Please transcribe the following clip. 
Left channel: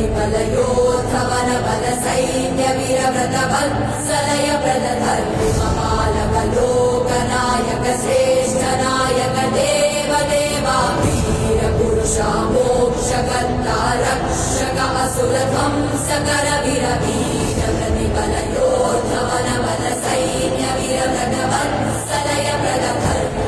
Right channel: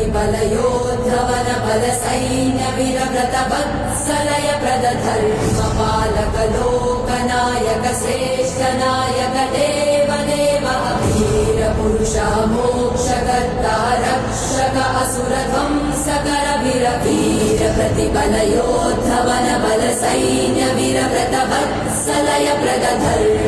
प्रतिबलयोद्धवन बल सैन्य वीरव्रत वत्सलय प्रद धर्मपालक लोकनायक श्रेष्ठ नायक देव देवा वीर पुरुषा मोक्षकर्ता रक्षक असुर ध्वंसकर वीर वीर प्रतिबलयोद्धवन बल सैन्य वीरव्रत वत्सलय प्रद धर्म